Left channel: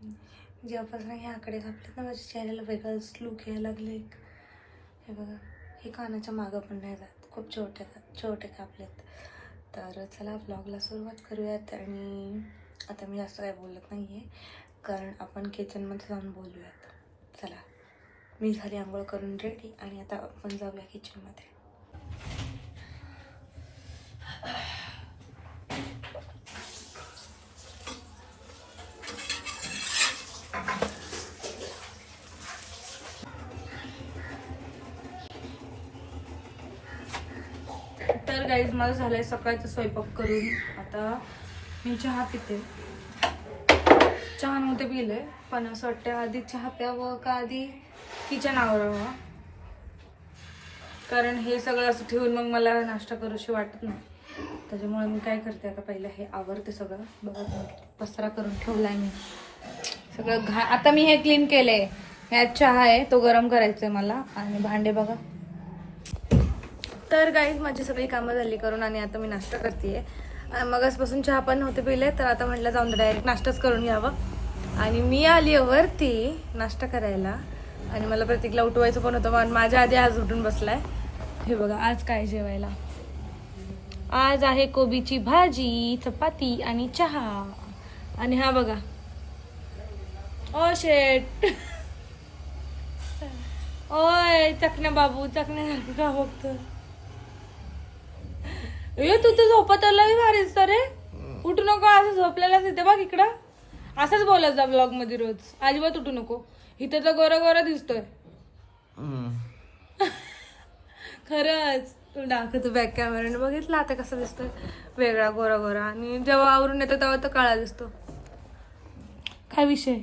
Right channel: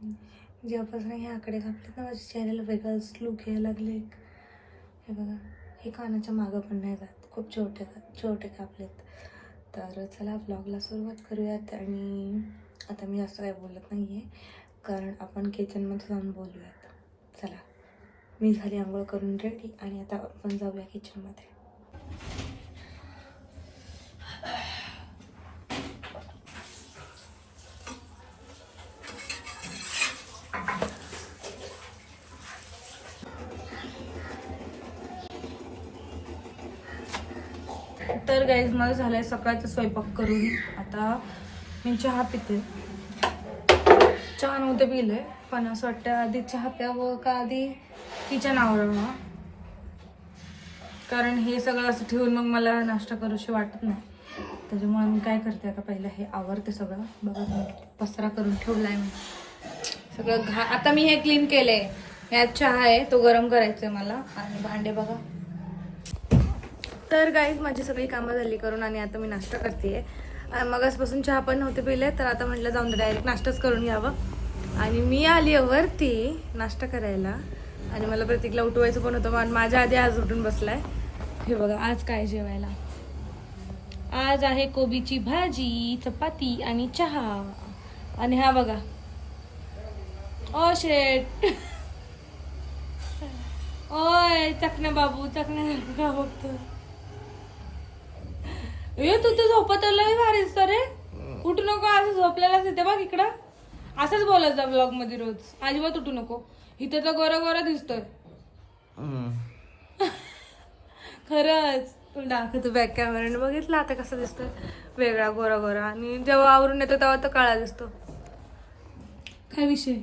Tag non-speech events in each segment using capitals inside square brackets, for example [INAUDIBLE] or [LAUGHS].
जेव्हापासून हे आकडे कापलेत ना माझ्या चेहऱ्याला वेगळंच लुक यायला लागले एक. हे बघा हे कानाच्या मागं पण नाही जात. खूप छोटे का छोटे कापलेत. तर चला ब्लॉगला सुरुवात करूयात आणि आता मी जास्त काय बोलत नाही आहे कारण आपण किचनमध्ये जाऊन बोलूयात. चला मी झाली आंघोळ करून रेडी आणि आता आपण जाऊया किचनमध्ये तर गाईज माझं झालंय सकाळचा स्वयंपाक करून. आता मी चहा पिते. चहा नव्हते पिले पण असं वाटतं आधी चहा प्यावं का आधी किचन आवरावं? कारण हे सगळं असं ठेवून मग मला नाश्ता करूशी वाटत नाही. त्याच्यामुळे मी काय करते आता पहिलं हे आवरते सगळं. बघा पसरा करून ठेवलाय मी. सगळं घा आता मी हे क्लीन केले ह्यात चहा आहे तो गरम करायचा आहे मला. आणि भांडे बघा. तर गाईज माझी सगळी कामं झाली करून आणि आता मी नाश्ता करते मगासपासून चहा पण होते पिले तर आता म्हटलं जाऊन डायरेक्ट नाश्ताच करून घ्यावं. आणि मी आली आहे वरती नाश्ता करायला. आणि मला प्रतीकला उठवायचं पण होतं पण माझ्या आधी आज उठून बसलाय. हे बघा आज काय जेवायला? आज आहे कोबीची भाजी चपाती आणि चहा. आणि हा बघा. ओ शेट [LAUGHS] ओय चकण्या बाबू चकण्या बघतो ए तू तर झोपत आलाय भारीच तर रे. उठू नको असं झोपलेलाच इथे बघ इकडं. असंच बोलत जा ब्लॉगमध्ये रोज. अजिबात उठू नको. इथे तर गोरा गोरा दिसतोय. [LAUGHS] खरंच. तू दाखवतो बॅक कॅमेराने बघितलं आता कसं दिसतोय? वेगळा गोरा गोरा. आणि जेव्हा आवरून येतो तेव्हा तर काळा दिसतो. काय विषय?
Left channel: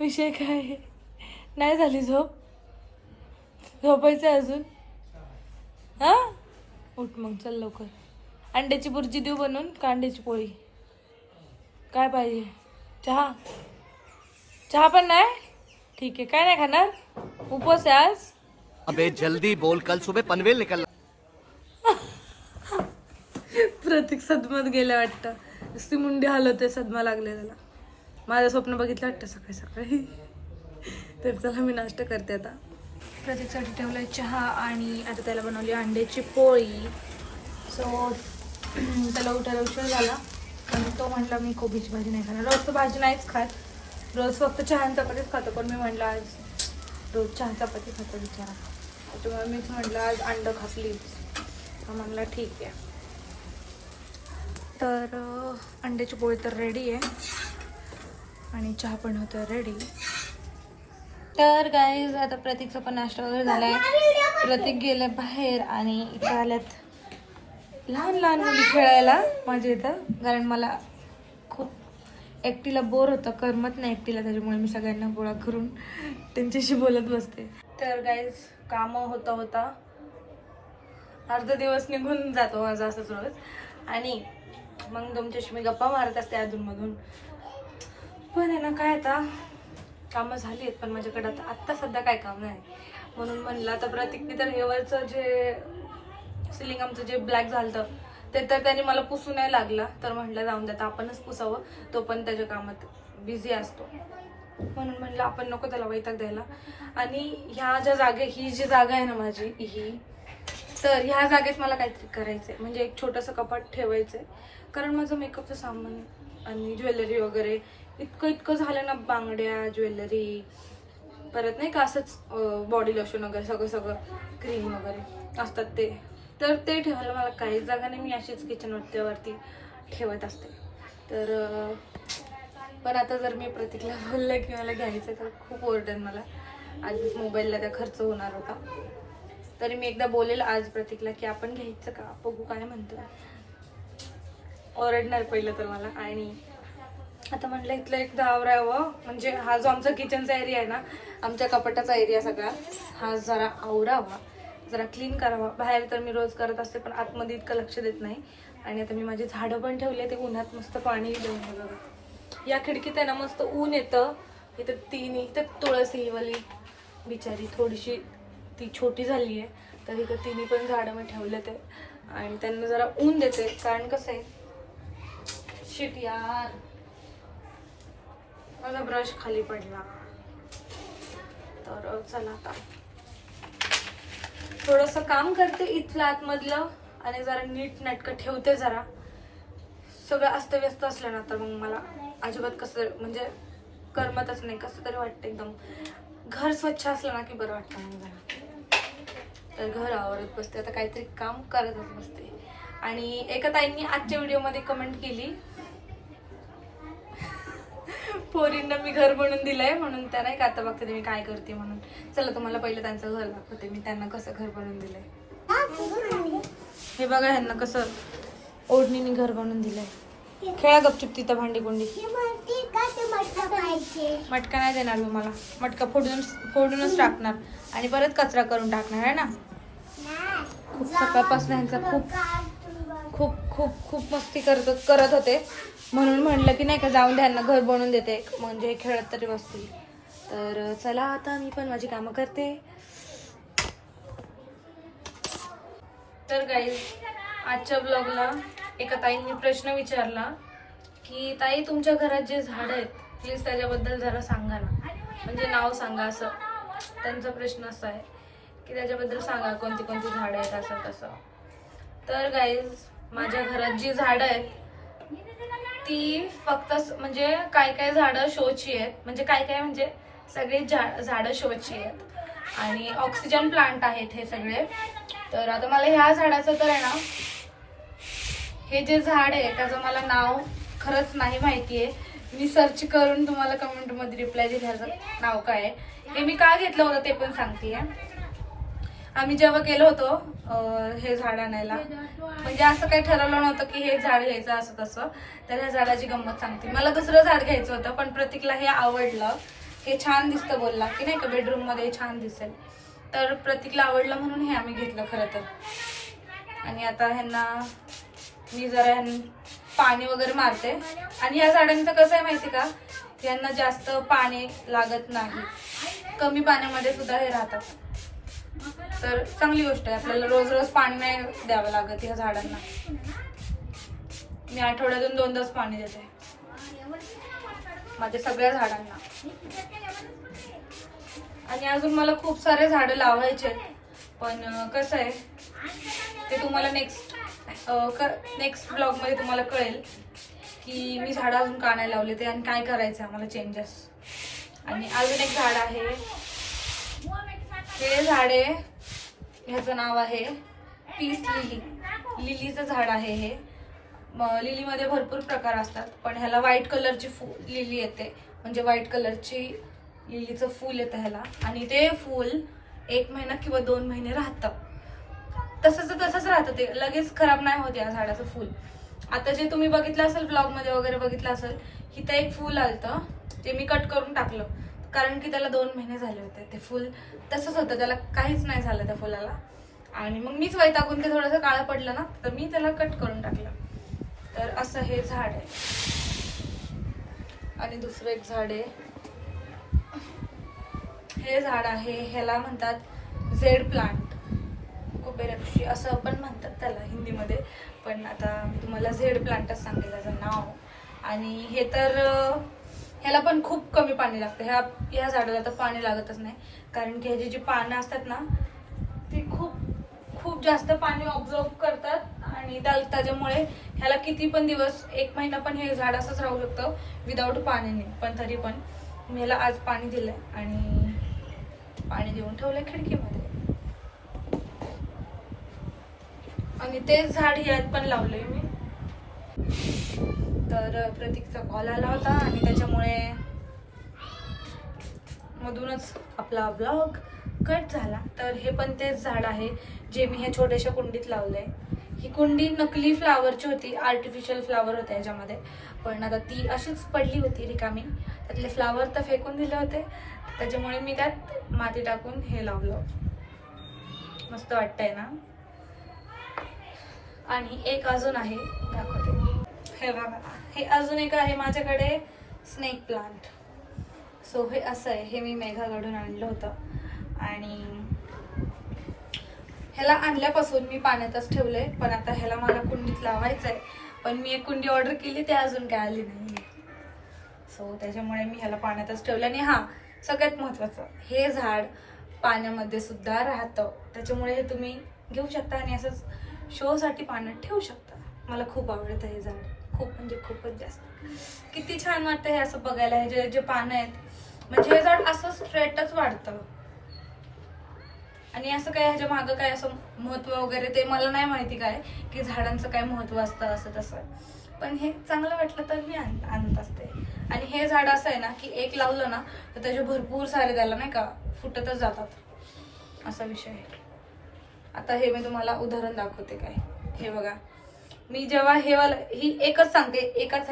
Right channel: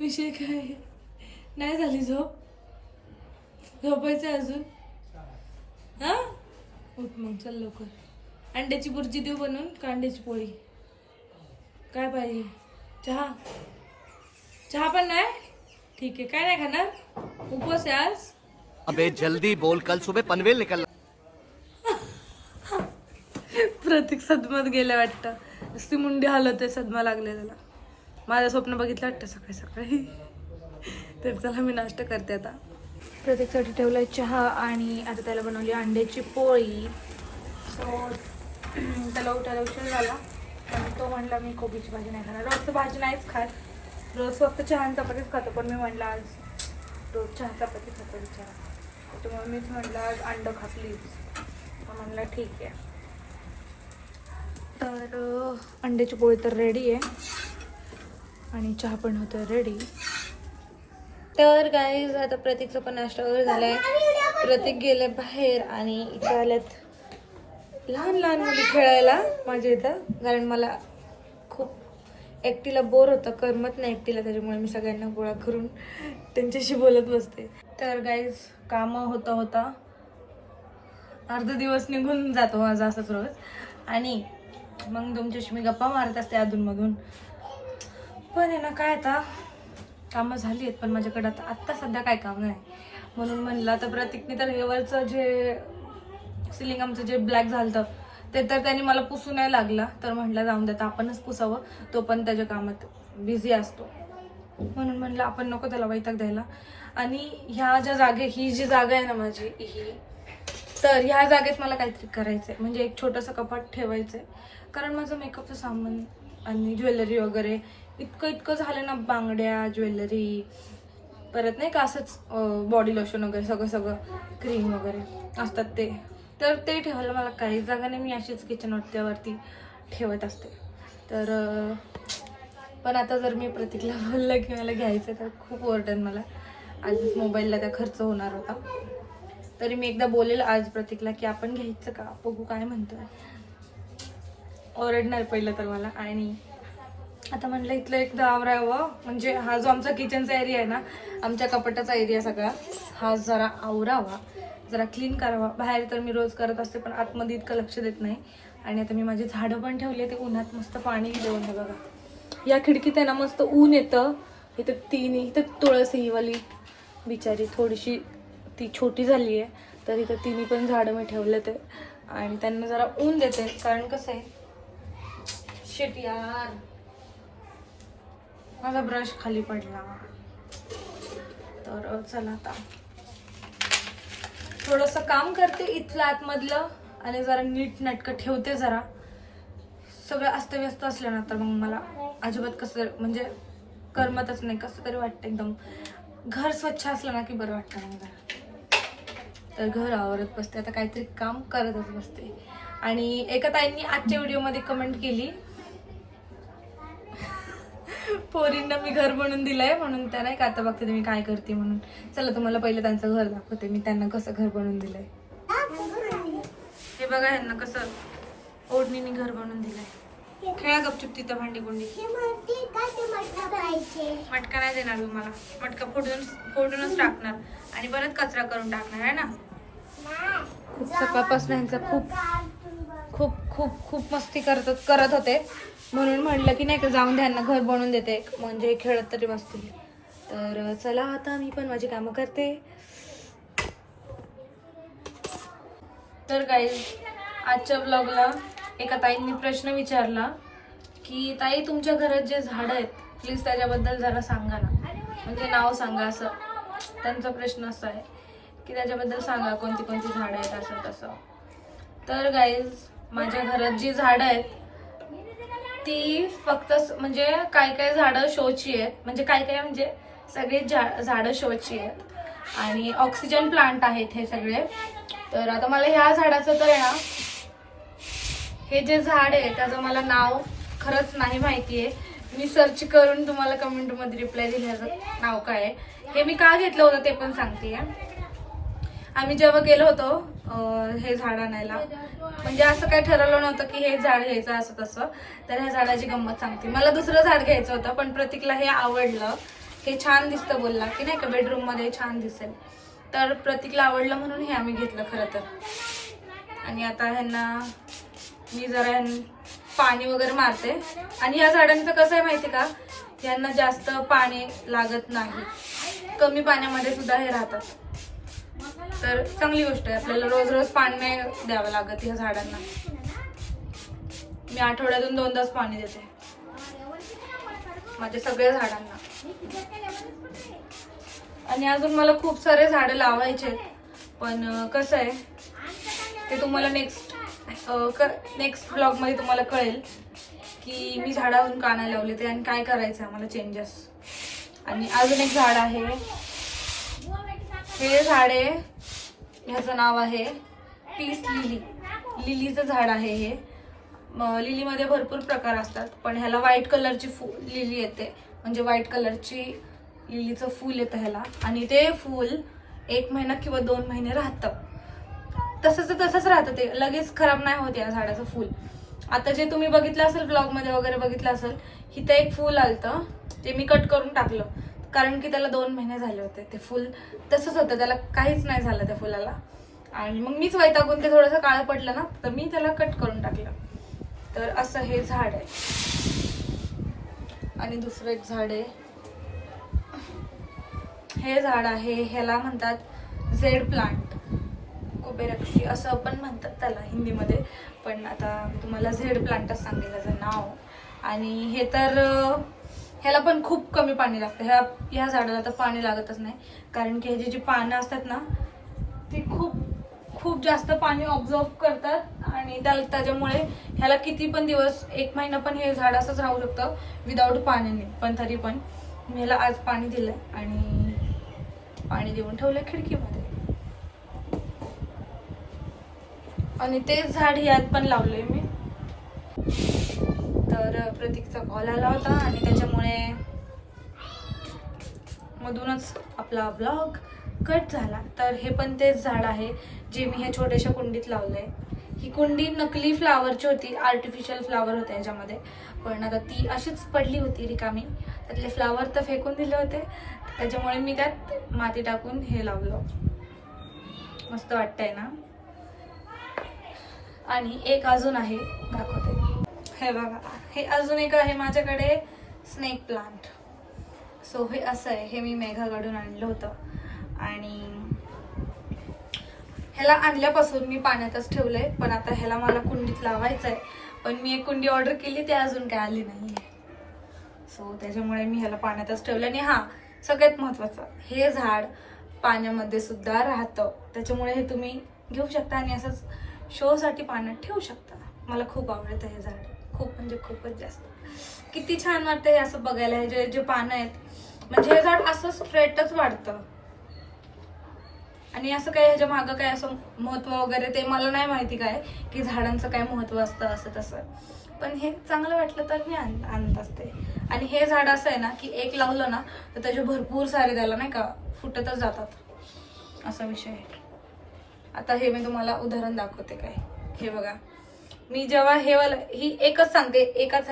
विषय काय? नाही झाली झोप? झोपायचं अजून? हा? उठ मग चल लवकर. अंड्याची बुर्जी देऊ बनवून का अंड्याची पोळी. काय पाहिजे? चहा. चहा पण नाही? ठीक आहे काय नाही खाणार? उपवास आहे आज. अबे जल्दी बोल. कल सुबह पनवेल निकल प्रतीक सदमात गेल्या वाटतं. नुसती मुंडी हलवते सदमा लागले त्याला. माझं स्वप्न बघितलं वाटतं सकाळी सकाळी. तर चला मी नाश्ता करते आता. प्रत्येकासाठी ठेवला आहे चहा आणि आता त्याला बनवली अंड्याची पोळी. सो [CLEARS THROAT] त्याला उठायला उशीर झाला. पण तो म्हणला मी कोबीची भाजी नाही खाणार. रोज तर भाजी नाहीच खात. रोज फक्त चहा आणि चपातीच खातो. पण मी म्हणलं आज रोज चहा चपाती खातो बिचारा. त्याच्यामुळे मीच म्हटलं आज अंड खातलीच म्हणलं म्हणला ठीक आहे. तर अंड्याची पोळी तर रेडी आहे. आणि चहा पण होतं रेडी तर गाईज आता प्रतीकचा पण नाश्ता वगैरे झालाय. प्रतीक गेले बाहेर आणि इथे आल्यात लहान लहान मुली खेळायला माझ्या इथं. कारण मला खूप एकटीला बोर होतं करमत नाही एकटीला त्याच्यामुळे मी सगळ्यांना गोळा करून त्यांच्याशी बोलत बसते. तर गाईज कामं होता होता अर्धा दिवस निघून जातो माझा असंच रोज. आणि मग तुमच्याशी मी गप्पा मारत असते अधूनमधून. पण आहे ना काय आता? कामं झाली आहेत पण माझ्याकडे आता आत्ता सध्या काय काम नाही. म्हणून म्हणलं आता प्रतीकने तर हेवरचं जे सिलिंग आमचं जे ब्लॅक झालं ते तर त्याने मला पुसू नाही लागला. तर म्हटलं जाऊन देता आपणच पुसावं. तो पण त्याच्या कामात बिझी असतो. म्हणून म्हणलं आपण नको त्याला वैताग द्यायला. आणि ह्या ज्या जागे ही जी जागा आहे ना माझी ही तर ह्या जागेत मला काहीतरी करायचं आहे म्हणजे एक छोटंसं कपाट ठेवायचं आहे कारण माझं मेकअपचं सामान आणि ज्वेलरी वगैरे इतकं इतकं झालं ना बांगड्या ज्वेलरी परत नाही का असंच बॉडी लोशन वगैरे सगळं सगळं क्रीम वगैरे असतात ते. तर ते ठेवायला मला काहीच जागा नाही मी अशीच किचन वरती ठेवत असते. तर पण आता जर मी प्रतीकला [LAUGHS] बोललं की मला घ्यायचं तर खूप ओरडेन मला. आधीच मोबाईलला त्या खर्च होणार होता. तरी मी एकदा बोलेल आज प्रतीकला की आपण घ्यायचं का? बघू काय म्हणतोय. ओरडणार पहिलं तर मला. आणि आता म्हणलं इथलं एकदा आवरावं. म्हणजे हा जो आमचा किचनचा एरिया आहे ना आमच्या कपाटाचा एरिया सगळा हा जरा आवरावा. जरा क्लीन करावा. बाहेर तर मी रोज करत असते पण आतमध्ये इतकं लक्ष देत नाही. आणि आता मी माझी झाडं पण ठेवले ते उन्हात मस्त पाणी देऊन बघा. या खिडकीत आहे ना मस्त ऊन येतं. इथं तीन इथं तुळस वाली बिचारी थोडीशी ती छोटी झाली आहे तर इथं तिन्ही पण झाडं मी ठेवले ते आणि त्यांना जरा ऊन देते. कारण कसं आहे शेट यार. माझा ब्रश खाली पडला. तर चला आता. थोडंसं काम करते इथलं आतमधलं आणि जरा नीट नाटकं ठेवते जरा. सगळं अस्तव्यस्त असलं ना तर मग मला अजिबात कसं म्हणजे करमतच नाही कसं तरी वाटतं एकदम. घर स्वच्छ असलं ना की बरं वाटतं मग जरा. तर घर आवरत बसते. आता काहीतरी काम करतच बसते. आणि एका ताईंनी आजच्या व्हिडिओमध्ये कमेंट केली. पोरींना मी घर बनवून दिलंय म्हणून त्या नाही का आता बघते मी काय करते म्हणून. चला तुम्हाला पहिलं त्यांचं घर दाखवते. मी त्यांना कसं घर बनवून दिलंय. हे बघा ह्यांना कसं ओढणीने घर बनवून दिलंय. खेळा गपचूप तिथं भांडी कोंडी मटका नाही देणार मी मला. मटका फोडून फोडूनच टाकणार. आणि परत कचरा करून टाकणार आहे ना? खूप सकाळपासून ह्यांचा खूप खूप खूप खूप मस्ती करत करत होते. म्हणून म्हटलं की नाही का जाऊन त्यांना घर बनवून देते. म्हणजे खेळत तरी बसतील. तर चला आता मी पण माझी कामं करते. तर काही आजच्या ब्लॉगला एका ताईंनी प्रश्न विचारला की ताई तुमच्या घरात जे झाडं आहेत प्लीज त्याच्याबद्दल जरा सांगा ना. म्हणजे नाव सांगा असं. त्यांचा प्रश्न असा आहे की त्याच्याबद्दल सांगा कोणती कोणती झाडं आहेत असं तसं. तर गाईज माझ्या घरात जी झाडं आहेत ती फक्त म्हणजे काय काय झाडं शोची आहेत. म्हणजे काय काय म्हणजे सगळी झा- झाडं शोची आहेत. आणि ऑक्सिजन प्लांट आहेत हे सगळे. तर आता मला ह्या झाडाचं तर आहे ना हे जे झाड आहे त्याचं मला नाव खरंच नाही माहिती आहे. मी सर्च करून तुम्हाला कमेंटमध्ये रिप्लाय दिल्याचं नाव काय आहे. हे मी का घेतलं होतं ते पण सांगते. आम्ही जेव्हा गेलो होतो हे झाड आणायला म्हणजे असं काही ठरवलं नव्हतं की हे झाड घ्यायचं असं तसं. तर ह्या झाडाची गंमत सांगते. मला दुसरं झाड घ्यायचं होतं पण प्रतीकला हे आवडलं. हे छान दिसतं बोलला की नाही का बेडरूममध्ये छान दिसेल. तर प्रतीकला आवडलं म्हणून हे आम्ही घेतलं खरं तर. आणि आता ह्यांना मी जरा ह्यां- पाणी वगैरे मारते. आणि या झाडांचं कसं आहे माहिती का? यांना जास्त पाणी लागत नाही. कमी पाण्यामध्ये सुद्धा हे राहतात. तर चांगली गोष्ट आहे. आपल्याला रोज रोज पाणी नाही द्यावं लागत या झाडांना. मी आठवड्यातून दोनदाच पाणी देते. माझ्या सगळ्या झाडांना. आणि अजून मला खूप सारे झाडं लावायचे आहेत. पण कसं आहे ते तुम्हाला नेक्स्ट नेक्स्ट ब्लॉगमध्ये तुम्हाला कळेल की मी झाडं अजून का नाही लावले ते आणि काय करायचं आहे मला चेंजेस आणि अजून एक झाड आहे. हे झाड आहे ह्याचं नाव आहे पीस लिली. लिलीचं झाड आहे हे. लिलीमध्ये भरपूर प्रकार असतात पण ह्याला व्हाईट कलरची फू लिली येते. म्हणजे व्हाईट कलरची लिलीचं फूल येतं ह्याला. आणि ते फूल एक महिना किंवा दोन महिने राहतं. तसंच तसंच राहतं ते. लगेच खराब नाही होत या झाडाचं फूल. आता जे तुम्ही बघितलं असेल ब्लॉगमध्ये वगैरे बघितलं असेल इथं एक फूल आलतं. ते मी कट करून टाकलं. कारण की त्याला दोन महिने झाले होते ते फूल. तसंच होतं त्याला काहीच नाही झालं त्या फुलाला. आणि मग मीच वैतागून ते थोडंसं काळं पडलं ना तर मी त्याला कट करून टाकलं. तर असं हे झाड आहे. आणि दुसरं एक झाड आहे. हे झाड आहे ह्याला म्हणतात झेड प्लांट. कुबेरक्षी असं पण म्हणतात त्याला हिंदीमध्ये. पण आता मी तुम्हाला झेड प्लांटच सांगेल त्याचं नाव. आणि हे तर ह्याला पण खूप कमी पाणी लागतं. ह्या ह्या झाडाला तर पाणी लागतच नाही. कारण की ह्याची जी पानं असतात ना ती खूप खूप जास्त पाणी ऑब्झर्व करतात आणि त्या त्याच्यामुळे ह्याला किती पण दिवस एक महिना पण हे झाड असंच राहू शकतं विदाऊट पाण्याने. पण तरी पण ह्याला आज पाणी दिलंय आणि पाणी देऊन ठेवलंय खिडकीमध्ये. आणि तेच झाड यात पण लावलंय मी. तर प्रतीकचा कॉल आला होता आणि त्याच्यामुळे मधूनच आपला ब्लॉग कट झाला. तर हे पण तेच झाड आहे जे मी ह्या छोट्याशा कुंडीत लावलं आहे ही कुंडी नकली फ्लावरची होती आर्टिफिशियल फ्लावर होते ह्याच्यामध्ये. पण आता ती अशीच पडली होती रिकामी. त्यातले फ्लावर तर फेकून दिले होते. त्याच्यामुळे मी त्यात माती टाकून हे लावलं. मस्त वाटतंय ना? आणि एक अजून आहे दाखवते. हे बघा हे अजून एक आहे माझ्याकडे स्नेक प्लांट सो हे असं आहे. हे मी मेघाकडून आणलं होतं. आणि ह्याला आणल्यापासून मी पाण्यातच ठेवलं आहे पण आता ह्याला मला कुंडीत लावायचं आहे पण मी एक कुंडी ऑर्डर केली ते अजून काय आली नाही सो त्याच्यामुळे मी ह्याला पाण्यातच ठेवलं. आणि हां सगळ्यात महत्त्वाचं हे झाड पाण्यामध्ये सुद्धा राहतं. त्याच्यामुळे हे तुम्ही घेऊ शकता आणि असंच शोसाठी पाण्यात ठेवू शकता. मला खूप आवडतं हे झाड. खूप म्हणजे खूपच जास्त. किती छान वाटतं हे असं बघायला हे जे जे पानं आहेत. म्हणजे हे झाड असं स्ट्रेटच वाढतं. आणि असं काही ह्याच्या मागं काय असं महत्त्व वगैरे ते मला नाही माहिती काय की झाडांचं काय महत्त्व असतं असं तसं. पण हे चांगलं वाटलं तर मी आणत असते आणि हे झाड असं आहे ना की एक लावलं ना तर त्याचे भरपूर सारे त्याला नाही का फुटतच जातात. असा विषय आहे. आता हे मी तुम्हाला उदाहरण दाखवते काय. हे बघा. मी जेव्हा हे वाला ही एकच सांगते एकाच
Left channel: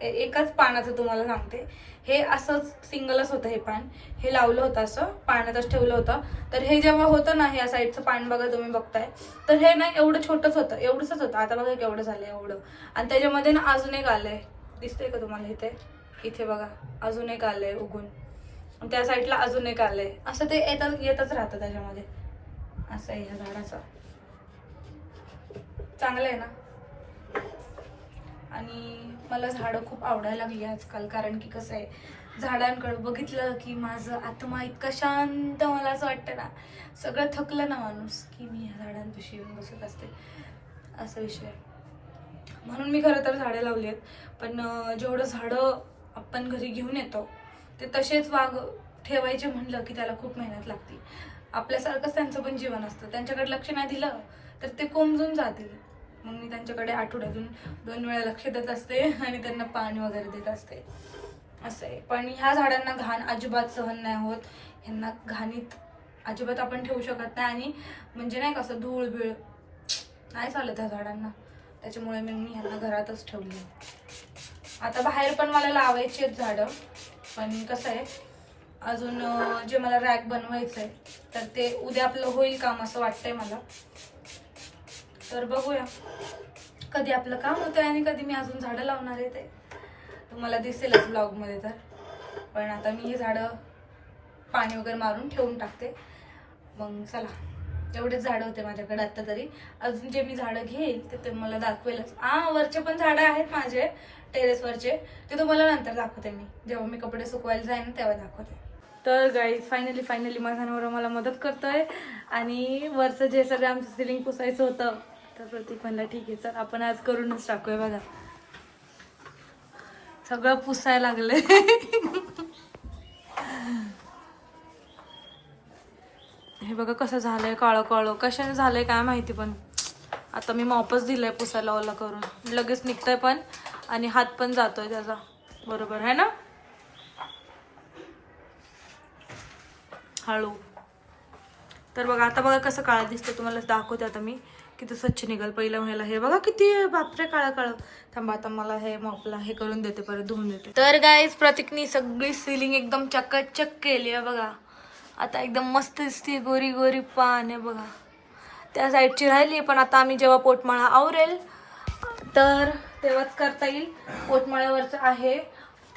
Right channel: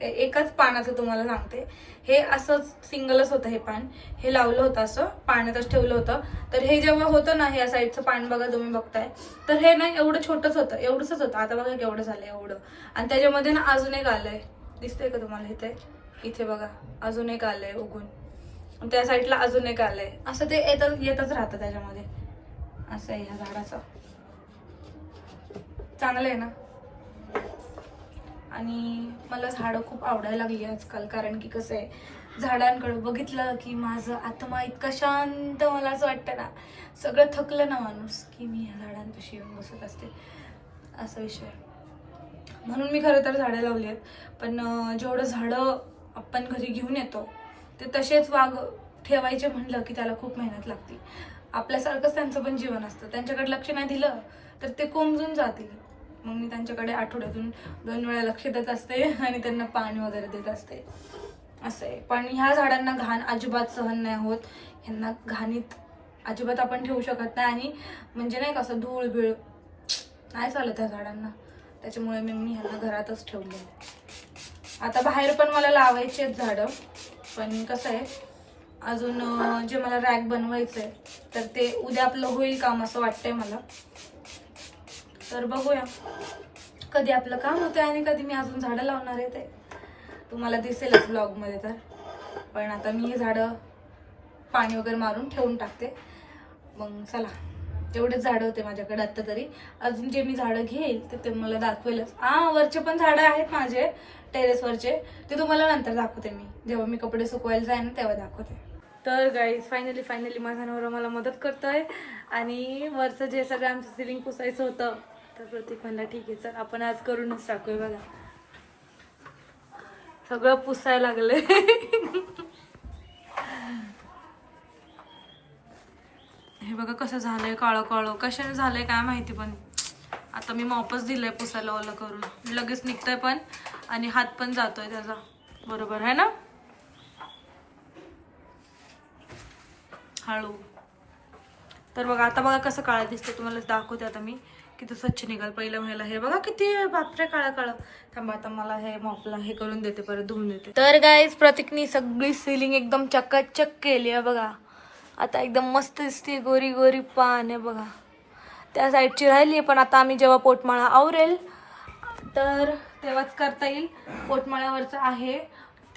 एकाच पानाचं तुम्हाला सांगते. हे असंच सिंगलच होतं हे पान. हे लावलं होतं असं पाण्यातच ठेवलं होतं. तर हे जेव्हा होतं ना ह्या साईडचं पान बघा तुम्ही बघताय तर हे ना एवढं छोटंच होतं एवढंच होतं. आता बघा केवढं झालं एवढं. आणि त्याच्यामध्ये ना अजून एक आलंय. दिसतंय का तुम्हाला इथे? इथे बघा अजून एक आलंय उगून. त्या साईडला अजून एक आलंय. असं ते येतच येतच राहतं त्याच्यामध्ये. असं आहे ह्या झाडाचं. चांगलं आहे ना? आणि मला झाडं खूप आवडायला लागली आजकाल कारण की कसं आहे झाडांकडं बघितलं की माझं आत्मा इतका शांत मला असं वाटतं ना सगळं थकलं ना माणूस की मी ह्या झाडांपाशी येऊन बसत असते. असा विषय म्हणून मी खरं तर झाडं लावली आहेत पण जेवढं झाडं आपण घरी घेऊन येतो ते तसेच वाघ ठेवायचे म्हणलं की त्याला खूप मेहनत लागते. आपल्यासारखंच त्यांचं पण जीवन असतं. त्यांच्याकडे लक्ष नाही दिलं तर ते कोमजून जातील. मग मी त्यांच्याकडे आठवड्यातून दोन वेळा लक्ष देत असते आणि त्यांना पाणी वगैरे देत असते. असं आहे. पण ह्या झाडांना घाण अजिबात सहन नाही होत. ह्यांना घाणीत अजिबात आपण ठेवू शकत नाही आणि म्हणजे नाही कसं धूळ बिळ नाही चालत त्या झाडांना. त्याच्यामुळे मी मी ह्यांना घरातच ठेवले. आता बाहेर पण मला लावायचेच आहेत झाडं. पण कसं आहे अजून जे मला रॅक बनवायचं आहे तर ते उद्या आपलं होईल काम असं वाटतंय मला. तर बघूया. कधी आपलं काम होतं आणि कधी मी अजून झाडं लावणार आहे ते. तुम्हाला दिसेलच ब्लॉगमध्ये तर. पण आता मी हे झाडं पाणी वगैरे मारून ठेवून टाकते. मग चला जेवढेच झाडं होते माझ्याकडे आत्ता तरी. अजून जे मी झाडं घेईल ते ते मला दाखवेलच. आ वरचे पण झाडं आहेत माझे टेरेसवरचे ते तुम्हाला नंतर दाखवते मी. जेव्हा मी कपडे सुकवायला जाईन ना तेव्हा दाखवते. तर गाईज फायनली फायनली माझा नवरा मला मदत करतोय. आणि वरचं जे सगळं आमचं सिलिंग पुसायचं होतं तर प्रतीक म्हणला ठीक आहे चल आपण आज करूनच टाकूया बघा. सगळं पुसायला लागलंय. हे बघा कसं झालंय काळं काळं. कशाने झालंय काय माहिती पण. आता मी मॉपच दिलंय पुसायला ओला करून. लगेच निघतंय पण आणि हात पण जातोय त्याचा. बरोबर आहे ना? हळू. तर बघा आता बघा कसं काळं दिसतं तुम्हाला दाखवते आता मी. किती स्वच्छ निघाल पहिलं महिला हे बघा किती बापरे काळं काळं. थांबा आता मला हे मॉपला हे करून देते परत धुवून देते. तर गाईज प्रतीकनी सगळी सिलिंग एकदम चकाचक केली आहे बघा. आता एकदम मस्त दिसते गोरी गोरी पान आहे बघा. त्या साईडची राहिली आहे पण आता आम्ही जेव्हा पोटमाळा आवरेल तर तेव्हाच करता येईल. पोटमाळ्यावरचं आहे.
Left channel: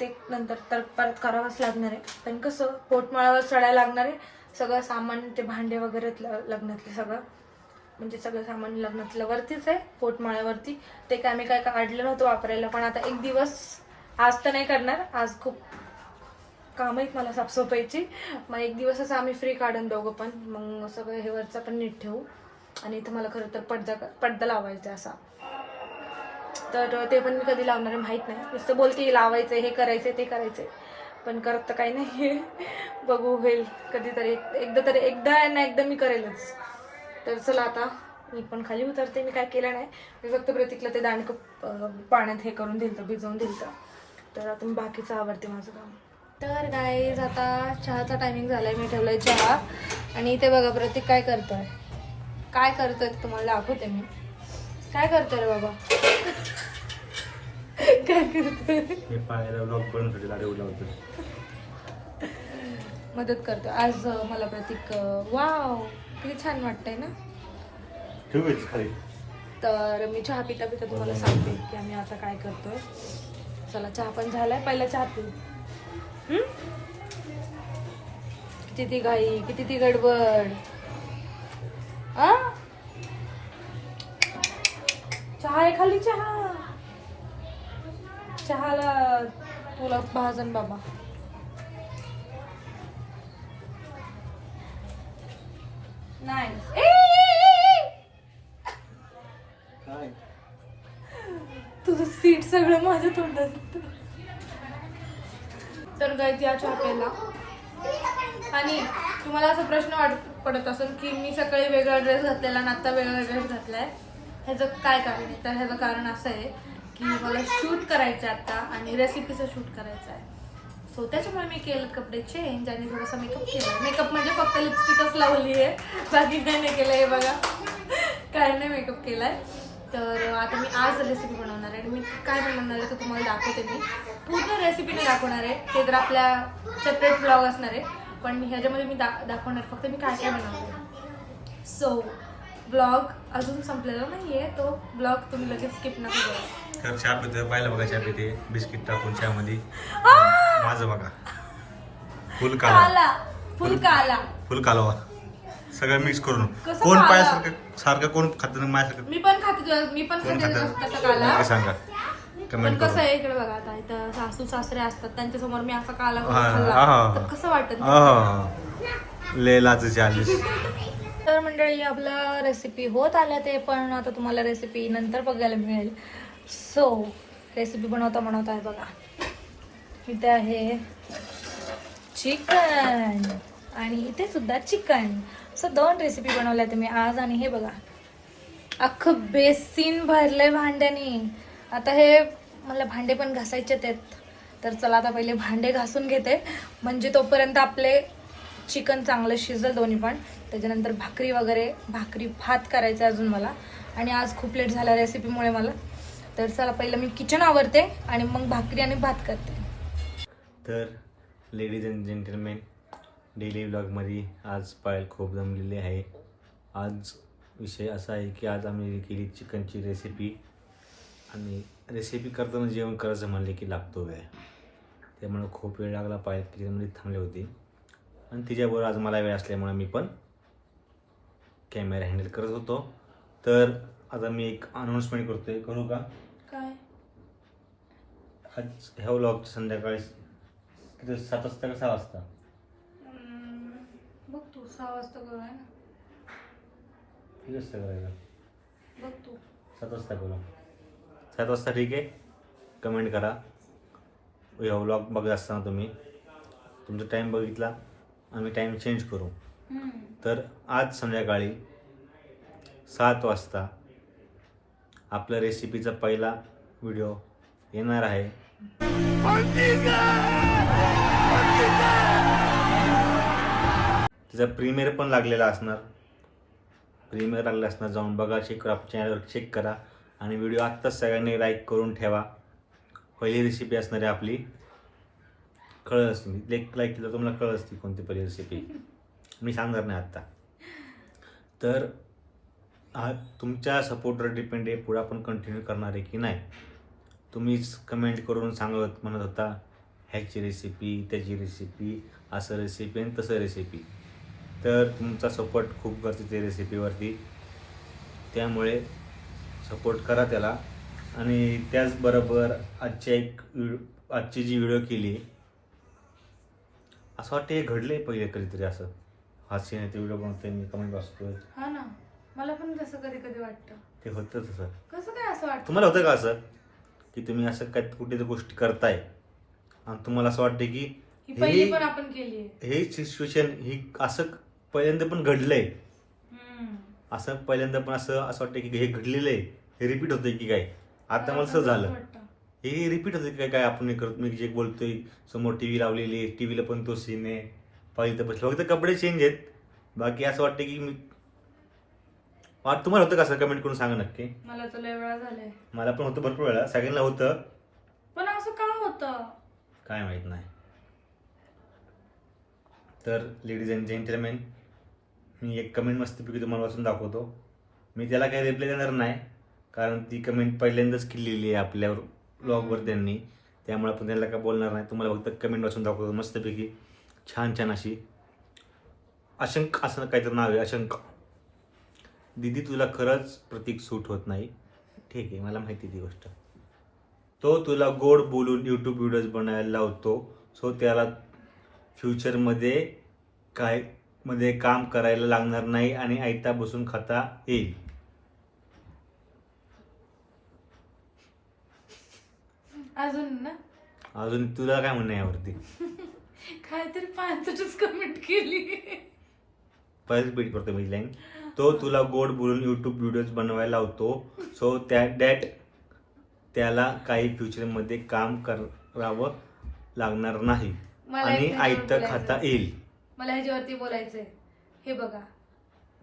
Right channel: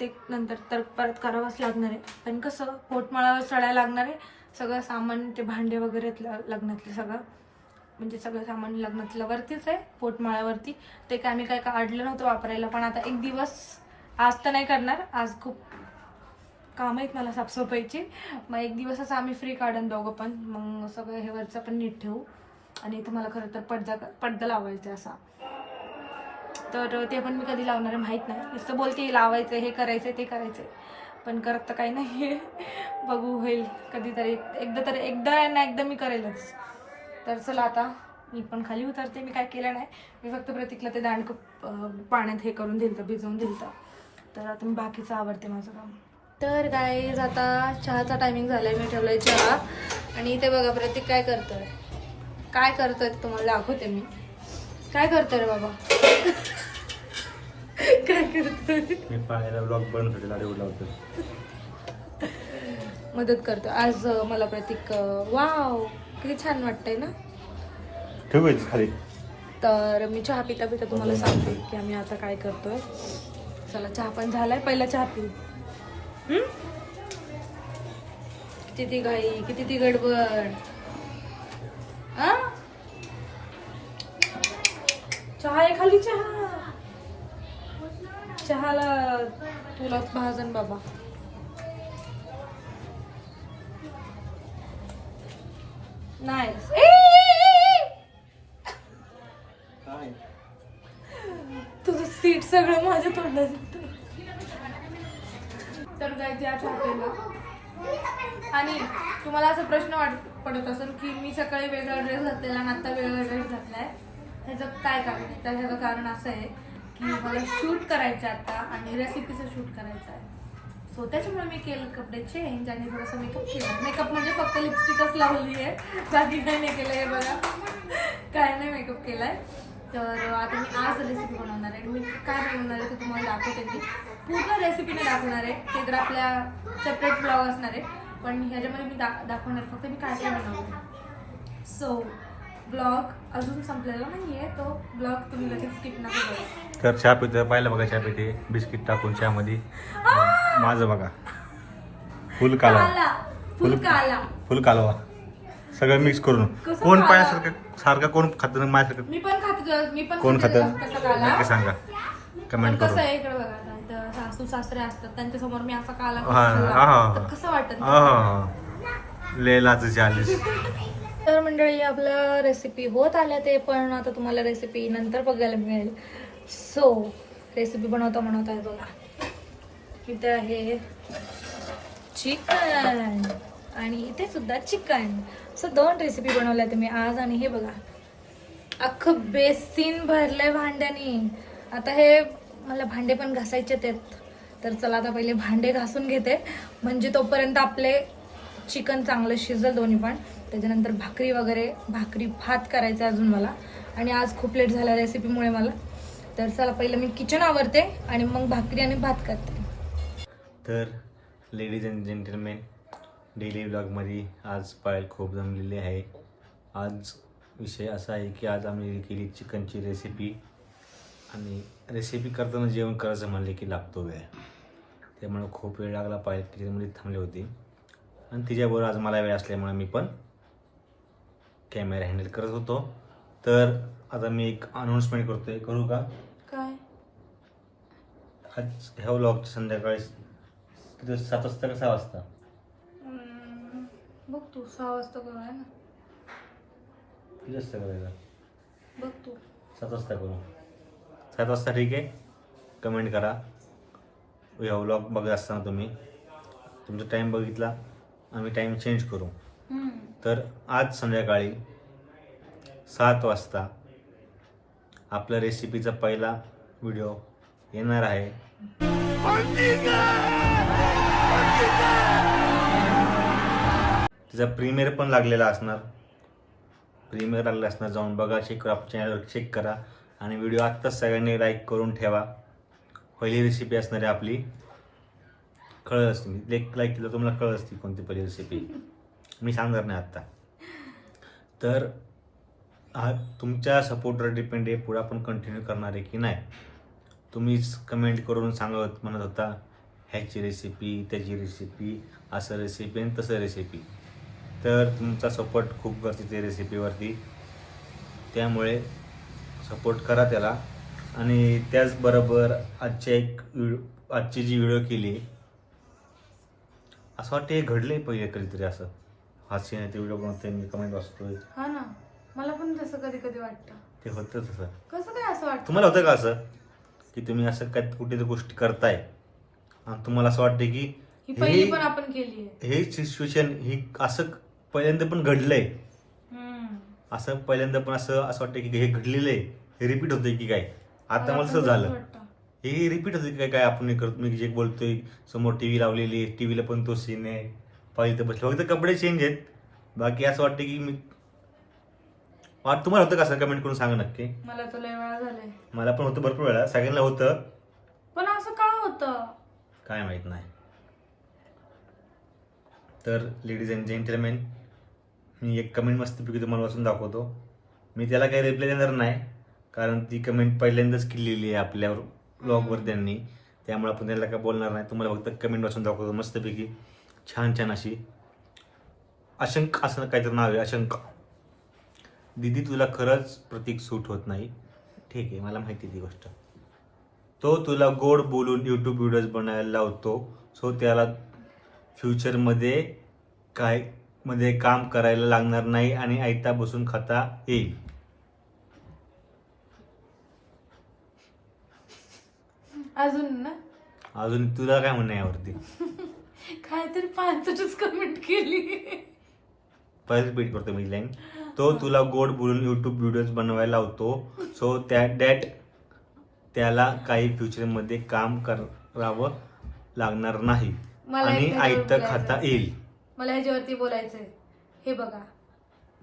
ते नंतर तर परत करावंच लागणार आहे. पण कसं पोटमाळ्यावर चढायला लागणार आहे. सगळं सामान ते भांडे वगैरे लग्नातले सगळं. म्हणजे सगळं सामान लग्नातलं वरतीच आहे पोटमाळ्यावरती. ते काय आम्ही काय काढलं नव्हतं वापरायला पण आता एक दिवस आज तर नाही करणार. आज खूप काम आहेत मला साफसफाईची. मग एक दिवस असं आम्ही फ्री काढून दोघं पण. मग सगळं हे वरचं पण नीट ठेवू. आणि इथं मला खरं तर पडदा पडदा लावायचा आहे असा. तर ते पण मी कधी लावणार आहे माहीत नाही. नुसतं बोलते लावायचं हे करायचं ते करायचं पण करत तर काही नाही. आहे [LAUGHS] बघू होईल कधीतरी. एकदा तरी एकदा ना एकदा मी करेलच. तर चला आता मी पण खाली उतरते मी काय केलं नाही. मी फक्त प्रतीकला ते दांडकं पाण्यात हे करून दिलं भिजवून दिलं तर आता मी बाकीचं आवडते माझं काम. तर गाईज आता चहाचा टायमिंग झाला आहे मी ठेवलाय चहा. आणि इथे बघा प्रतीक काय करतोय? काय करतोय ते तुम्हाला दाखवते मी. काय करतोय रे बाबा? काय करतोय मी पाण्याला ब्लॉग बनवण्यासाठी लावतो मदत करतो. आज मला प्रतीक वाव किती छान वाटतंय ना? ठेवू का खाली तर मी चहा पिता पिता तुम्हाला सांगते की आम्ही आता काय करतोय. चला चहा पण झालाय. पहिला चहा पिऊ? किती ती घाई किती ती गडबड आ? चहा आहे खाली चहा. चहाला तुला भाजन बाबा. नाईस तुझं सीट सगळं माझ्या तोंडात येतं. तर गाईत या चहा प्यायला आणि तुम्हाला असा प्रश्न वाट पडत असेल की मी सकाळी वेगळा ड्रेस घातलेला आणि आता वेगळा ड्रेस घातलाय. ह्याचं काय कारण आहे? तर ह्याचं कारण असं आहे की मला शूट करायचं आहे आता आणि रेसिपीचं शूट करायचं आहे. सो त्याच्यामुळे मी केलं कपडे चेंज आणि थोडासा मेकअप केला. मेकअप म्हणजे फक्त लिपस्टिकच लावली आहे बाकी काही नाही केलं आहे बघा. काय नाही मेकअप केलाय. तर आता मी आज रेसिपी बनवणार आहे. आणि मी काय बनवणार आहे ते तुम्हाला दाखवते मी. पूर्ण रेसिपीने दाखवणार आहे. ते तर आपल्या सेपरेट ब्लॉग असणार आहे. पण ह्याच्यामध्ये मी दा दाखवणार. फक्त मी काय काय बनवणार सो ब्लॉग अजून संपलेला नाही आहे तो ब्लॉग तुम्ही लगेच स्किप नका करू. तर चहा पिते पाहिलं बघा चहा पिते बिस्किट टाकून चहामध्ये. माझं बघा. फुल कालवा काला. फुल काला. फुल कालवा सगळं मिक्स करून. कसं कोण? पायासारखं सारखं कोण खात माझ्यासारखं मी पण खाते तुझ्या- मी पण कोण खाते खातं? काला? नक्की सांगा. पण कमेंट कसं करून. आहे इकडे बघा आता इथं सासू सासरे असतात त्यांच्यासमोर मी असा काला हा, हा, खाल्ला, हा. तर कसं वाटत? लय लाज चालीस तर मंडळी आपलं रेसिपी होत आल्या ते पण आता तुम्हाला रेसिपी नंतर बघायला मिळेल. सो रेसिपी बनवता बनवता आहे बघा. इथं आहे चिकन आणि इथे सुद्धा चिकन सो दोन रेसिपी बनवल्या तुम्ही आज आणि हे बघा. अख्खं बेसिन भरलंय भांड्यानी. आता हे मला भांडे पण घासायचे आहेत. तर चला आता पहिले भांडे घासून घेते. म्हणजे तोपर्यंत आपले चिकन चांगलं शिजल दोन्ही पण. त्याच्यानंतर भाकरी वगैरे भाकरी भात करायचा अजून मला. आणि आज खूप लेट झाला रेसिपीमुळे मला. तर चला पहिलं मी किचन आवरते आणि मग भाकरी आणि भात करते. तर लेडीज अँड जेंटलमेन डेली ब्लॉगमध्ये आज पायल खूप जमलेली आहे. आज विषय असा आहे की आज आम्ही केली चिकनची रेसिपी आणि रेसिपी करताना जेवण करायचं म्हणले की लागतो वेळ. त्यामुळे खूप वेळ लागला पायल किचनमध्ये थांबली होती. आणि तिच्याबरोबर आज मला वेळ असल्यामुळे मी पण कॅमेरा हँडल करत होतो. तर आता मी एक अनाऊन्समेंट करतो आहे करू का? काय? आज ह्या व्लॉगच्या संध्याकाळी किती सात वाजता का सहा वाजता? बघ तू. सहा वाजता करू आहे ना. किती वाजता करायचं? बघ तू. सात वाजता करू. सात वाजता ठीक आहे. कमेंट करा. ह्या व्लॉग बघत असताना तुम्ही. तुमचा टाईम बघितला. आम्ही टाईम चेंज करू. तर आज संध्याकाळी सात वाजता आपला रेसिपीचा पहिला व्हिडिओ येणार आहे. तिचा प्रीमियर पण लागलेला असणार. प्रीमियर लागला असणार जाऊन बघा चेक करा चॅनलवर चेक करा. आणि व्हिडिओ आत्ताच सगळ्यांनी लाईक करून ठेवा. पहिली रेसिपी असणार आहे आपली. कळत असते मी. लेक लाईक केलं तुम्हाला कळत असते कोणती पहिली रेसिपी मी सांगणार नाही आत्ता. तर हा तुमच्या सपोर्टवर डिपेंड आहे पुढे आपण कंटिन्यू करणार आहे की नाही? तुम्हीच कमेंट करून सांगत म्हणत होता ह्याची रेसिपी त्याची रेसिपी असं रेसिपी आणि तसं रेसिपी तर तुमचा सपोर्ट खूप गरजेचं आहे रेसिपीवरती त्यामुळे सपोर्ट करा त्याला. आणि त्याचबरोबर आजच्या एक आजची जी व्हिडिओ केली असं वाटते घडलं आहे पहिले कधीतरी असं. हास्य नाही ते व्हिडिओ बनवतोय मी कमेंट वाचतोय. हा ना. मला पण तसं कधी कधी वाटतं. ते होतं तसं. कसं काय असं वाटतं? तुम्हाला होतं का असं? की तुम्ही असं काय कुठे गोष्टी करताय. आणि तुम्हाला असं वाटतं की ही पहिली पण आपण केली हे सिच्युएशन ही असं पहिल्यांदा पण घडलंय. असं पहिल्यांदा पण असं असं वाटतं की हे घडलेलं आहे. हे रिपीट होतंय की काय? आता मला असं झालं. हे रिपीट होतं की काय? काय आपण करतो मी जे बोलतोय समोर टी व्ही लावलेली टी व्हीला पण तो सीन आहे. पाहिजे तर बसलं. फक्त कपडे चेंज आहेत. बाकी असं वाटतं की मी वाट तुम्हाला होतं का असं कमेंट करून सांगा नक्की? मला तर लय वेळा झालंय. मला पण होतं भरपूर वेळा. सगळ्यांना होतं. पण असं का होतं? काय माहीत नाही. तर लेडीज अँड जेंटलमॅन मी एक कमेंट मस्तपैकी तुम्हाला वाचून दाखवतो. मी त्याला काही रिप्लाय देणार नाही. कारण ती कमेंट पहिल्यांदाच केलेली आहे आपल्या ब्लॉगवर त्यांनी. त्यामुळे आपण त्यांना काय बोलणार नाही. तुम्हाला फक्त कमेंट वाचून दाखवतो मस्तपैकी. छान छान अशी अशंक असं काहीतरी नाव आहे अशंका. दिदी तुला खरंच प्रतीक सूट होत नाही. ठीक आहे मला माहिती ती गोष्ट. तो तुला गोड बोलून यूट्यूब व्हिडिओज बनायला लावतो. सो त्याला फ्युचरमध्ये काय मध्ये काम करायला लागणार नाही आणि आयता बसून खाता येईल. अजून ना? अजून तुला काय म्हणणं यावरती? [LAUGHS] काहीतरी पाचच कमेंट केली. परत रिपीट करतो मी लाईन तो तुला गोड बोलून यूट्यूब व्हिडिओज बनवायला लावतो. सो त्या डॅट त्याला काही फ्युचरमध्ये काम करावं लागणार नाही. मला आणि आयत बोलायचं. खाता येईल. मला ह्याच्यावरती बोलायचंय. हे बघा.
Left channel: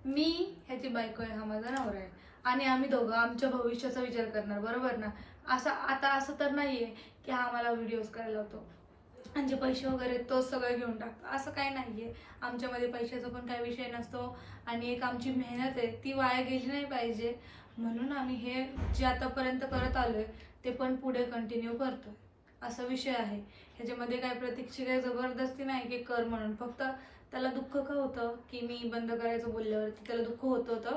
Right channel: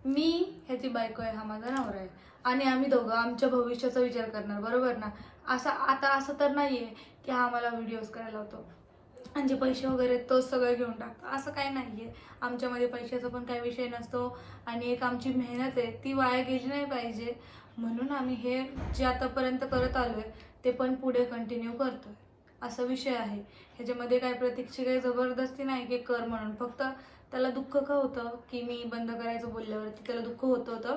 मी ह्याची बायको आहे हा माझा नवरा आहे. आणि आम्ही दोघं आमच्या भविष्याचा विचार करणार बरोबर ना? असं आता असं तर नाहीये की हा मला व्हिडिओज करायला होतो आणि जे पैसे वगैरे तोच सगळं घेऊन टाकतो. असं काही नाही आहे आमच्यामध्ये पैशाचा पण काही विषय नसतो आणि एक आमची मेहनत आहे ती वाया गेली नाही पाहिजे. म्हणून आम्ही हे जे आतापर्यंत करत आलो आहे ते पण पुढे कंटिन्यू करतोय. असा विषय आहे. ह्याच्यामध्ये काय प्रतीकची काही जबरदस्ती नाही की कर म्हणून. फक्त त्याला दुःख का होतं की मी बंद करायचं बोलल्यावरती त्याला दुःख होत होतं?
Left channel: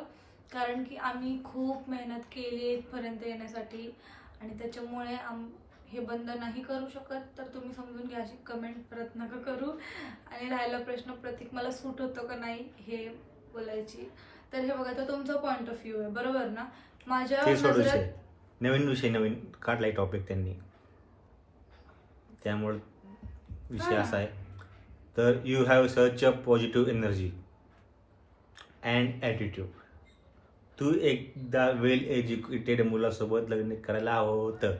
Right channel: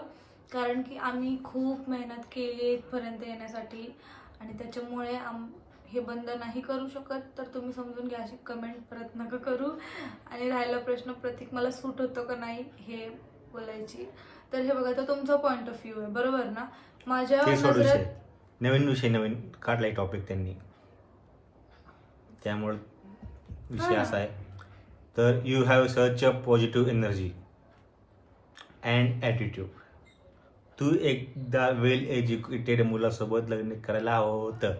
कारण की आम्ही खूप मेहनत केली इथपर्यंत येण्यासाठी. आणि त्याच्यामुळे आम हे बंद नाही करू शकत तर तुम्ही समजून घ्या अशी कमेंट परत नका करू. आणि राहिला प्रश्न प्रतीक मला सूट होतो का नाही हे बोलायची. तर हे बघा तर तुमचा पॉईंट ऑफ व्ह्यू आहे बरोबर ना? माझ्या नजरेत नवीन विषय नवीन काढलाय टॉपिक त्यांनी. त्यामुळे विषय. असा आहे. तर you have such a positive energy and attitude तू एकदा वेल एज्युकेटेड मुलासोबत लग्न करायला हवं होतं.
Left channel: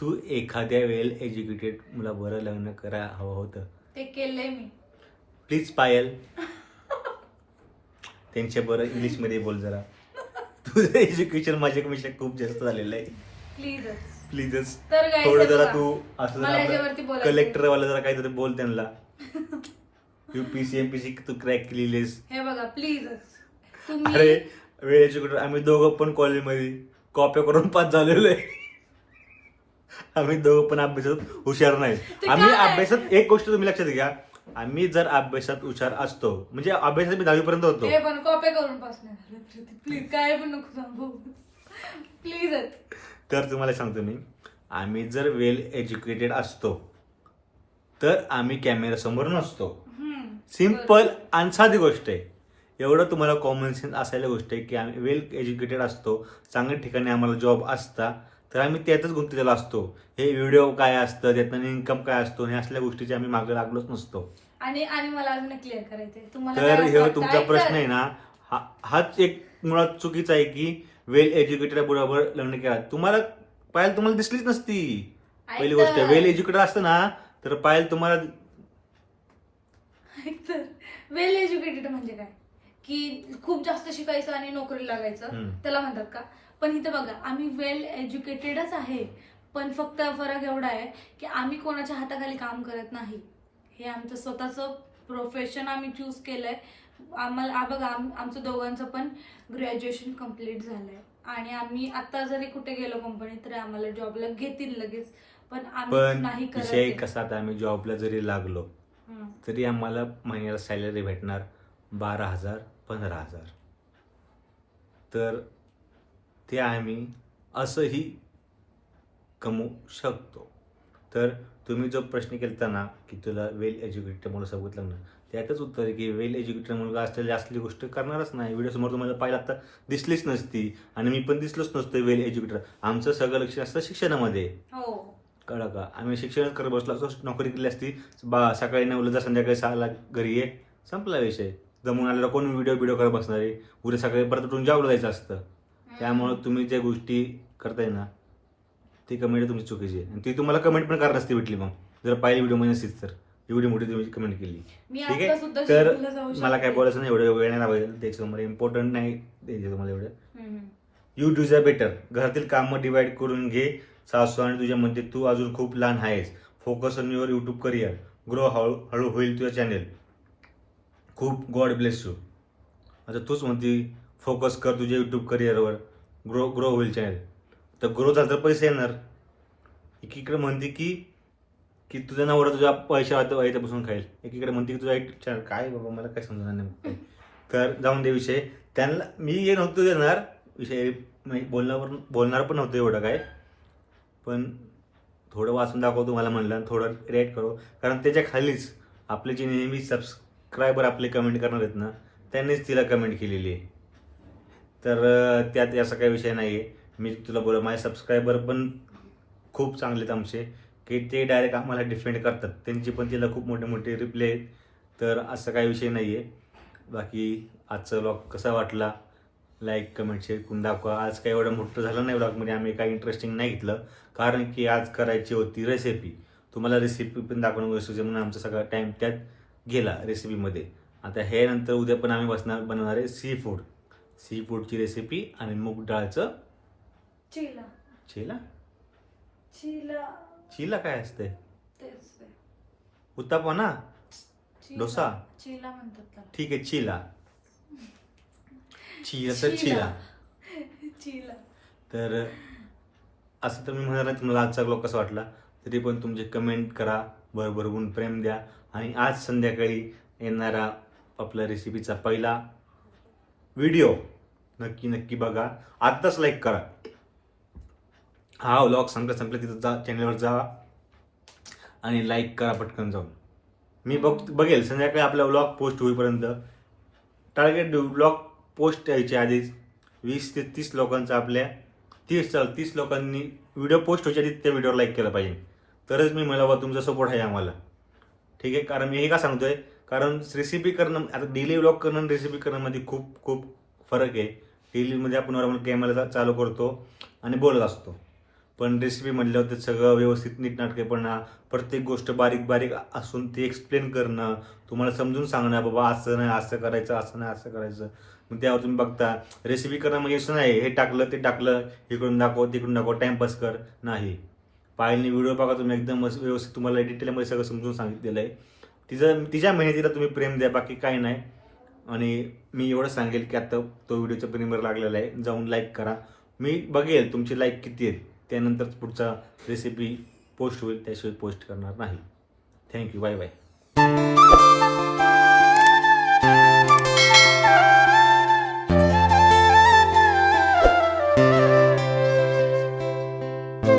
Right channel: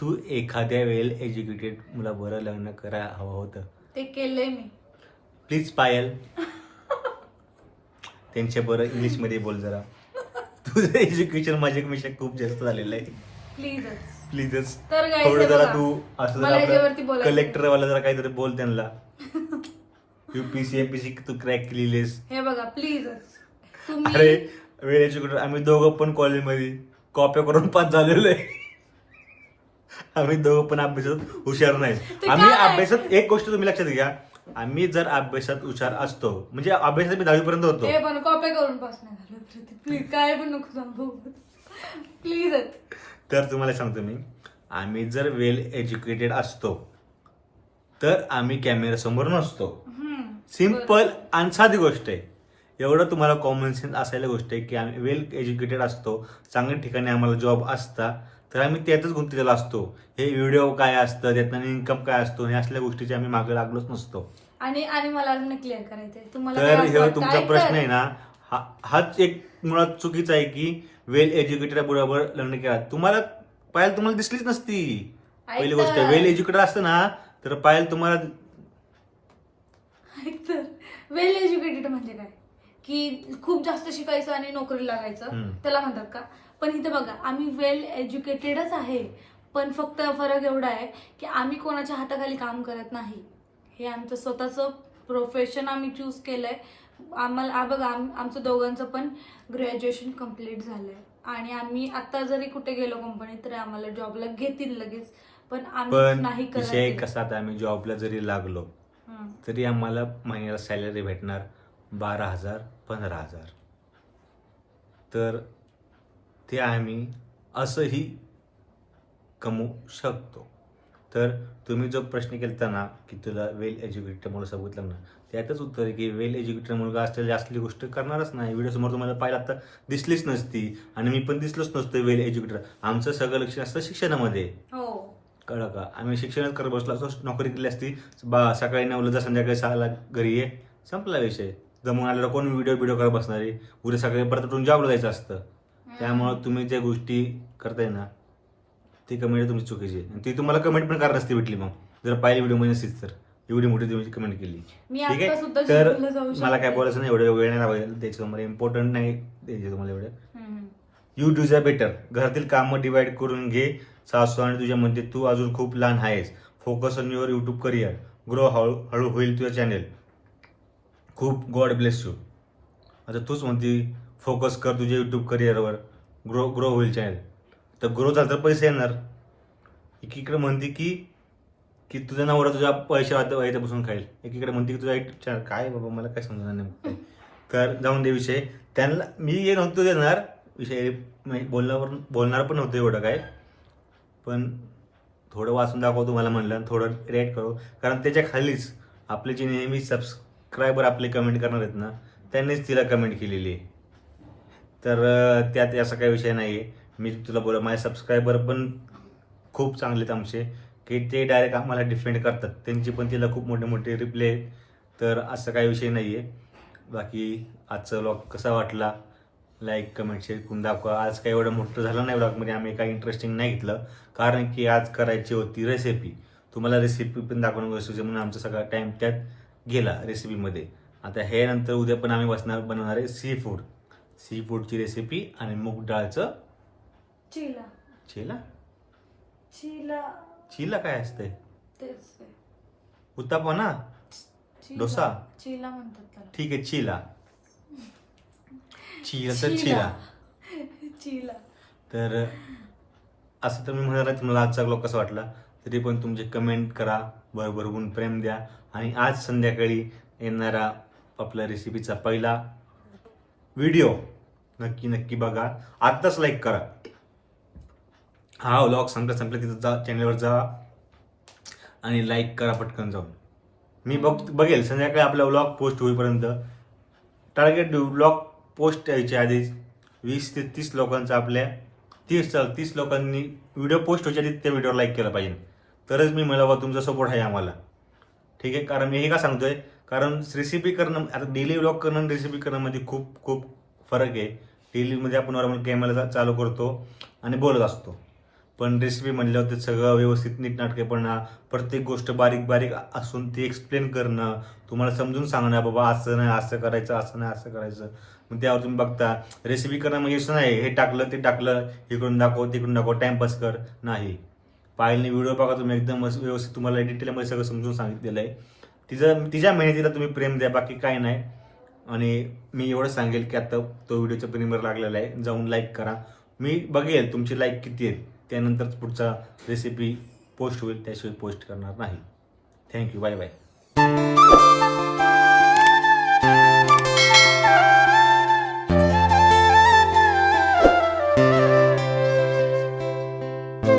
तू एखाद्या वेल एज्युकेटेड मुलाबरोबर लग्न करायला हवं होतं. ते केलंय मी. प्लीज पायल. त्यांच्या बरं इंग्लिशमध्ये बोल जरा. तुझं एज्युकेशन माझ्यापेक्षा खूप जास्त झालेलं आहे. प्लीजच प्लीजच तर guys, थोडं जरा बघा. तू असं मला जरा बोलायचं कलेक्टर वाला जरा काहीतरी बोल त्यांना. युपीसी एमपीसी तू क्रॅक केलेलीस. हे बघा प्लीजच तुम्ही अरे वेळ एज्युकेटर आम्ही दोघं पण कॉलेजमध्ये कॉप्या करून पास झालेलो आहे. आम्ही दोघं पण अभ्यासात हुशार नाही. आम्ही? अभ्यासात एक गोष्ट तुम्ही लक्षात घ्या. आम्ही जर अभ्यासात हुशार असतो म्हणजे अभ्यासात मी दहावीपर्यंत होतो. हे पण कॉपी करून पास नाही झालं प्लीज काय पण नको सांगू. प्लीजच तर तुम्हाला सांगतो मी आम्ही जर वेल एज्युकेटेड असतो तर आम्ही कॅमेऱ्यासमोर नसतो. सिंपल आणि साधी गोष्ट आहे. एवढं तुम्हाला कॉमन सेन्स असायला गोष्ट आहे की आम्ही वेल एज्युकेटेड असतो चांगल्या ठिकाणी आम्हाला जॉब असता तर आम्ही त्यातच गुंतलेलो असतो हे व्हिडिओ काय असतं त्यातनं इन्कम काय असतो हे असल्या गोष्टीचे आम्ही मागे लागलोच नसतो आणि आणि मला अजून क्लिअर तुम्हाला काय तर हे वाटतं? तुमचा ऐक प्रश्न तर. आहे ना हा हाच एक मुळात चुकीचा आहे की वेल एज्युकेटेड बरोबर लग्न केला तुम्हाला पायल तुम्हाला दिसलीच नसती ऐक पहिली गोष्ट तर. वेल एज्युकेटेड असतं ना तर पायल तुम्हाला ऐक तर वेल एज्युकेटेड म्हणजे काय की खूप जास्त शिकायचं आणि नोकरी लागायचं हम्म. त्याला म्हणतात का पण इथे बघा आम्ही वेल एज्युकेटेडच आहे. पण फक्त फरक एवढा आहे की आम्ही कोणाच्या हाताखाली काम करत नाही. हे आमचं स्वतःचं प्रोफेशन आम्ही चूज केलंय. आम्हाला आ बघा आम आमचं दोघांचं पण ग्रॅज्युएशन कंप्लीट झालंय. आणि आम्ही आता जरी कुठे गेलो कंपनीत तर आम्हाला जॉबला घेतील लगेच. पण आम्ही पण नाही विषय आहे. कसा आता आम्ही जॉबला जरी लागलो. तरी आम्हाला महिन्याला सॅलरी भेटणार बारा हजार पंधरा हजार. तर ते आम्ही असंही कमवू शकतो. तर तुम्ही जो प्रश्न केला ना की तुला वेल एज्युकेटेड मुलासोबत लग्न त्यातच उत्तर आहे की वेल एज्युकेटेड मुलगा असलेली असली गोष्ट करणारच नाही. व्हिडिओसमोर तुम्हाला पाहिलं आता दिसलीच नसती आणि मी पण दिसलोच नसतो वेल एज्युकेटेड. आमचं सगळं लक्ष असतं शिक्षणामध्ये. हो. कळलं का? आम्ही शिक्षणच करत बसलो असतो नोकरी केली असती बा सकाळी नऊला जा संध्याकाळी सहाला घरी ये. संपला विषय. जमून आलेला कोण व्हिडिओ व्हिडिओ करत बसणार आहे? उद्या सकाळी परत उठून जॉबला जायचं असतं. त्यामुळं तुम्ही ज्या गोष्टी करताय ना ती कमेंट तुमची चुकीची आहे. आणि ती तुम्हाला कमेंट पण करायला नसती भेटली मग. जर पाहिली व्हिडिओमध्ये नसतीच तर. एवढी मोठी तुम्ही कमेंट केली. मी ठीक आहे? तर मला काय. बोलायचं नाही एवढं वेळ नाही लावायचं त्याचं तुम्हाला इम्पॉर्टंट नाही द्यायचे तुम्हाला एवढं. यू डू झ बेटर घरातील कामं डिवाइड करून घे. सासू आणि तुझ्यामध्ये तू अजून खूप लहान आहेस. Focus on your YouTube career grow हळू हळू होईल तुझं चॅनेल खूप गॉड ब्लेस यू आता तूच म्हणती फोकस कर तुझ्या यूट्यूब करिअरवर ग्रो ग्रो होईल चॅनल तर ग्रो झालं तर पैसे येणार. एकीकडे म्हणते की की तुझा नवरा तुझ्या पैशा याच्यापासून खाईल. एकीकडे म्हणते की तुझा यूट्यूब चॅनल काय बाबा मला काय समजणार नाही काय तर जाऊन दे विषय. त्यांना मी हे नव्हतं देणार. विषय म्हणजे बोलण्यावर बोलणार पण नव्हतं एवढं काय. पण थोडं वाचून दाखव तुम्हाला म्हणलं आणि थोडं रेट करू. कारण त्याच्या खालीच आपले जे नेहमी सबस्क्रायबर आपले कमेंट करणार आहेत ना त्यांनीच तिला कमेंट केलेली आहे. तर त्यात असा काही विषय नाही आहे मी तुला बोल माझे सबस्क्रायबर पण खूप चांगले आहेत आमचे की ते डायरेक्ट आम्हाला डिफेंड करतात. त्यांची पण तिला खूप मोठे मोठे रिप्ले आहेत. तर असं काही विषय नाही आहे बाकी आजचा व्लॉग कसा वाटला? लाईक कमेंट शेअर करून दाखवा. आज काही एवढं मोठं झालं नाही व्लॉगमध्ये आम्ही काही इंटरेस्टिंग नाही घेतलं. कारण की आज करायची होती रेसिपी तुम्हाला रेसिपी पण दाखवणं गरजेचं म्हणून आमचा सगळा टाईम त्यात गेला रेसिपीमध्ये आता हे नंतर उद्या पण आम्ही बसणार बनवणार आहे सी फूड सी फूडची रेसिपी आणि मूग डाळचं? चिला. चिला? चिला. चिला काय असते तेच. उत्तापा ना? चिला. डोसा? चिला म्हणतात त्याला. ठीक आहे चिला. चिला तर चिला. चिला. [LAUGHS] तर असं तर मी म्हणणार नाही तुम्हाला आजचा ब्लॉग कसा वाटला? तरी पण तुमचे कमेंट करा भरभरून प्रेम द्या. आणि आज संध्याकाळी येणारा आपल्या रेसिपीचा पहिला व्हिडिओ नक्की नक्की बघा. आत्ताच लाईक करा. हा व्लॉग संपला संपला तिथं जा चॅनलवर जा आणि लाईक करा पटकन जाऊन. मी बघ बघेल संध्याकाळी आपला व्लॉग पोस्ट होईपर्यंत. टार्गेट व्लॉग पोस्ट यायच्या आधीच वीस ते तीस लोकांचा आपल्या तीस चाल तीस लोकांनी व्हिडिओ पोस्ट व्हायच्या आधी त्या व्हिडिओवर लाईक केला पाहिजे. तरच मी मला बा तुमचा सपोर्ट आहे आम्हाला. ठीक आहे? कारण मी हे का सांगतोय? कारण रेसिपी करणं आता डेली व्लॉग करणं आणि रेसिपी करणंमध्ये खूप खूप फरक आहे. डेलीमध्ये म्हणजे आपण नॉर्मल कॅमेरा चालू करतो आणि बोलत असतो. पण रेसिपी म्हणल्यावर ते सगळं व्यवस्थित नीटनाटकेपणा प्रत्येक गोष्ट बारीक बारीक असून ती एक्सप्लेन करणं तुम्हाला समजून सांगणं बाबा असं नाही असं करायचं असं नाही असं करायचं. मग त्यावर तुम्ही बघता रेसिपी करणं म्हणजे असं नाही हे टाकलं ते टाकलं इकडून दाखव तिकडून दाखव टाइमपास कर नाही. पायलने व्हिडिओ बघा तुम्ही एकदम व्यवस्थित तुम्हाला डिटेलमध्ये सगळं समजून सांगितलेलं आहे. तिचं तिच्या मेहनतीला तुम्ही प्रेम द्या बाकी काही नाही. आणि मी एवढं सांगेल की आता तो व्हिडिओचा प्रीमियर लागलेला आहे. जाऊन लाईक करा. मी बघेल तुमची लाईक किती आहेत त्यानंतर पुढचा रेसिपी पोस्ट होईल. त्याशिवाय पोस्ट करणार नाही. Thank you bye bye